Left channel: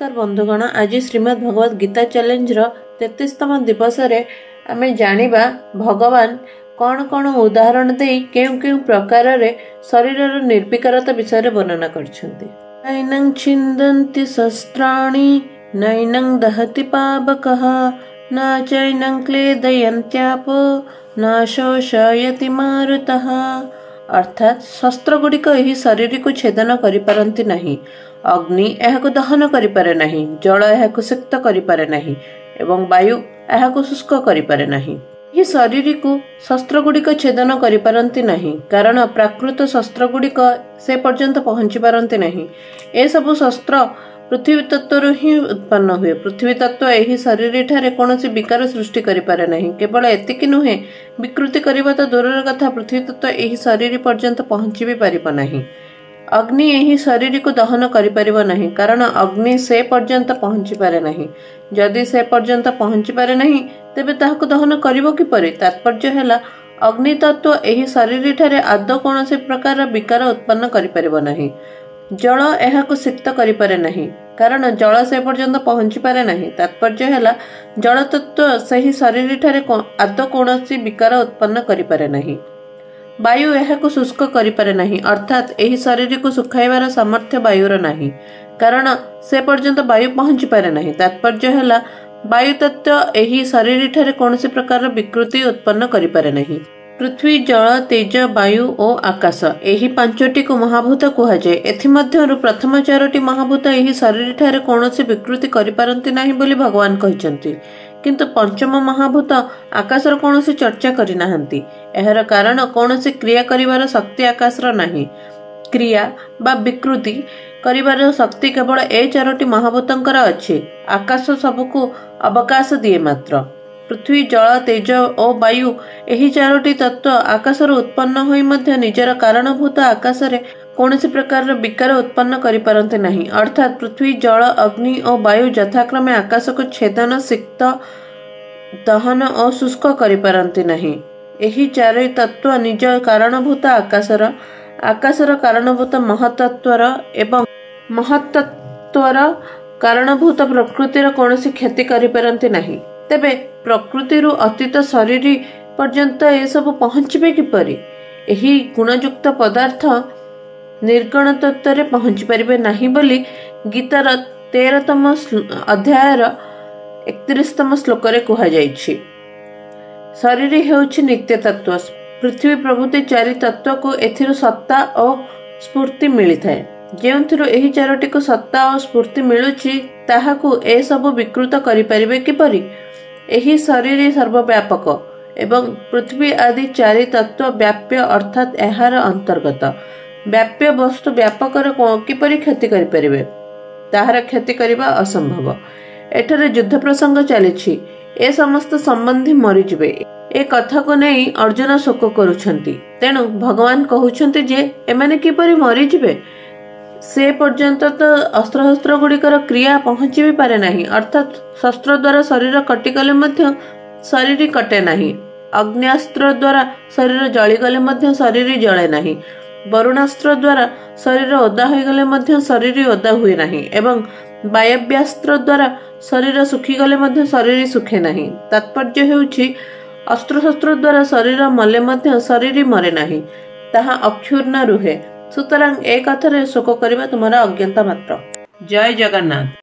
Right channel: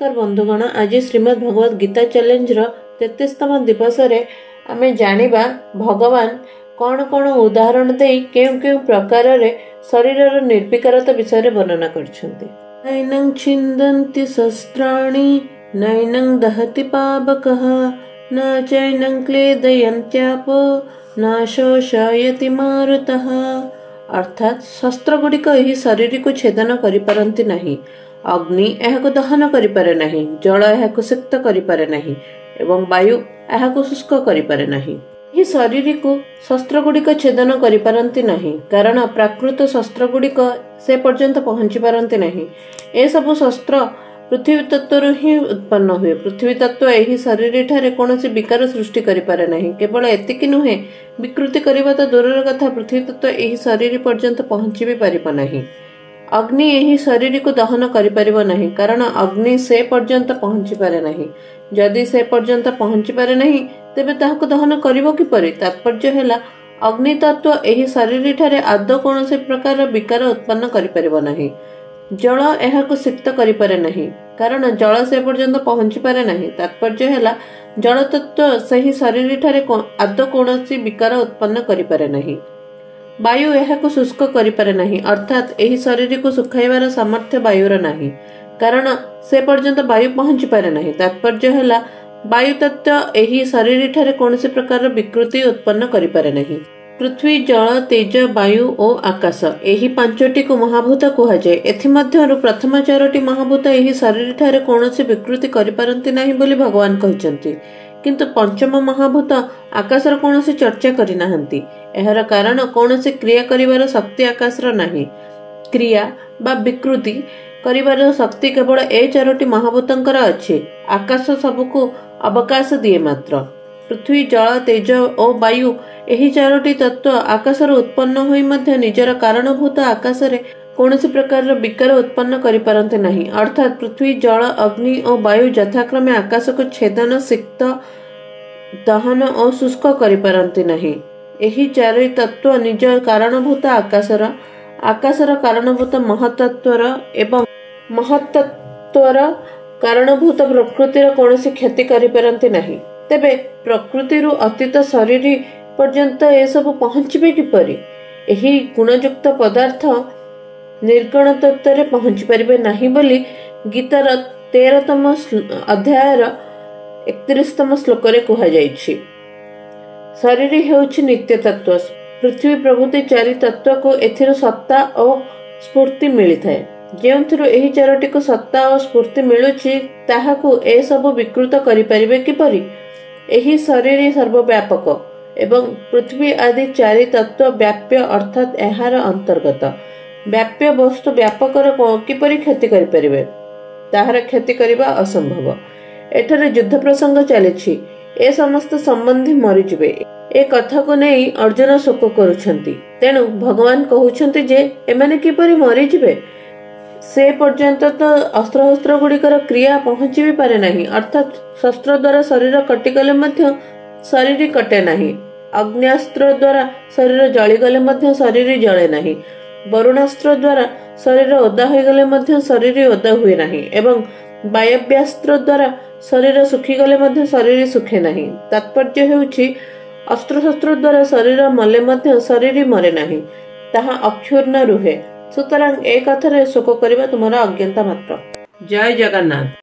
नमस्कार बंधुगण, आज श्रीमद् भगवद गीता चैलेंज 33तम दिवस आम जानिबा भगवान कौन कौन उदाहरण दे केउ केउ प्रकार रे शरीर निर्विकारता विषय वर्णना करछन्ति। नैनं छिन्दन्ति शस्त्राणि नैनं दहति पावकः न चैनं क्लेदयन्त्यापो न शोषयति मारुतः। अर्थात शस्त्र गुड़िक एही शरीर को छेदन करि पारंती नहीं, अग्नि एहाको दहन करि पारे नहीं, जल एहाको सिक्त करि पारे नहीं एवं वायु एहाको शुष्क करि पारे नहीं। एही शरीर को शस्त्र गुड़िक छेदन करि पारंती नहीं, कारण प्राकृत शस्त्र गुड़िक से पर्यंत पहुंची पारंती नहीं। ए सब शस्त्र पृथ्वी तत्व ही उत्पन्न हुए। पृथ्वी तत्व एही शरीर ठारे कोनोसी विकार सृष्टि करि पारे नहीं। केवल एतिकी नुहे, विकृति करिबा तो दूरर कथा, पृथ्वी तत्व एही शरीर पर्यंत पहुंची भी पारिबो नहीं। अग्नि एही शरीर को दहन करि पारिबो नहीं, कारण अग्नि से पर्यंत पहुंची पारे नहीं। जदि से पर्यंत पहुंची पारे नहीं, तेबे ताहाको दहन करिबो किपरि? तात्पर्य हैला, अग्नि तत्व एही शरीर ठारे आदौ कोनोसी प्रकार विकार उत्पन्न करि पारिबो नहीं। जल एहाको सिक्त करि पारे नहीं, कारण जल से पर्यंत पहुंची पारे नहीं। तात्पर्य हैला, जल तत्व सही शरीर ठारे आदौ कोनोसी विकार उत्पन्न करि पारे नहीं। वायु एहाको शुष्क करि पारे नहीं, अर्थात एही शरीर को सुखाइबार सामर्थ्य वायुर नहीं, कारण से पर्यंत वायु पहुंची पारे नहीं। तात्पर्य हैला, वायु तत्व एही शरीर ठारे कोनोसी प्रकार विकृति उत्पन्न करि पारे नहीं। पृथ्वी, जल, तेज, वायु और आकाश एही पांचटी को महाभूत कहा जाए। एथिमध्यरु प्रथम चारोटी महाभूत एही शरीर ठारे कोनोसी विकृति करि पारंती नाही बोली भगवान कहिसंती, किंतु पंचम महाभूत आकाशर कोनोसी चर्चा करि नाहंती। एहर कारण कोनोसी क्रिया करिवार शक्ति आकाशर नाही। क्रिया बा विकृति करिवार शक्ति केवल ए चारोटी महाभूतंकर अछि। आकाश सबको अवकाश दिए मात्र। पृथ्वी, जल, तेज और वायु एही चारोटी तत्व आकाशर उत्पन्न होई मध्य निजर कारणभूत आकाशरे कोनोसी प्रकार विकार उत्पन्न करि पारंते नहीं। अर्थात पृथ्वी, जल, अग्नि और वायु यथाक्रमे आकाश को छेदन, सिक्त, दहन और शुष्क करि पारंते नहीं। एही चारि तत्व निज कारणभूत आकाशर कारणभूत महतत्वर एवं महतत्वर कारणभूत प्रकृतिर कोनोसी क्षति करि पारंते नहीं। तेबे प्रकृतिरु अतीत शरीर पर्यंत ए सब पहुंचबे किपरि? एही गुणयुक्त पदार्थ निर्गुण तत्व रे पहुंची परिबे नहीं बोली गीतार 13तम अध्यायर 31तम श्लोक रे कहा जायछि। शरीर हेउछि नित्य तत्व। पृथ्वी प्रभृति चारि तत्व को एथिरो सत्ता और स्फूर्ति मिली थाए। जेउथिरो एही चारोटी को सत्ता और स्फूर्ति मिलुछि, ताहाकु ए सब विकृत करि परिबे किपरि? एही शरीर सर्वव्यापक एवं पृथ्वी आदि चारि तत्व व्याप्य, अर्थात एहार अंतर्गत। व्याप्य वस्तु व्यापकर किपरि क्षति करि परिबे? ताहार क्षति करिबा असंभव। एठारे युद्ध प्रसंग चलिछि। ए समस्त संबंधी मरिजिबे। ए कथा को नै अर्जुन शोक करुछन्ति। तेणु भगवान कहउछन्ति जे एमाने किपरि मरिजिबे? से पर्यंत तो अस्त्र गुड़िकर क्रिया पहुंची भी पारे नहीं। अर्थात शस्त्र द्वारा शरीर कटिगले मध्य शरीर कटे नहीं। अग्न्यास्त्र द्वारा शरीर जलिगले मध्य शरीर जले नहीं। वरुणास्त्र द्वारा शरीर ओदा होइगले मध्य शरीर ओदा हुए नहीं। एवं वायव्यास्त्र द्वारा शरीर सुखीगले मध्य शरीर सुखे नहीं। तात्पर्य हेउछि, अस्त्र शस्त्र द्वारा शरीर मले मध्य शरीर मरे नहीं, ताहा अक्षुर्ण रुहे। सुतरां एक कथारे शोक करिबा तुमरा अज्ञानता मात्र। जय जगन्नाथ।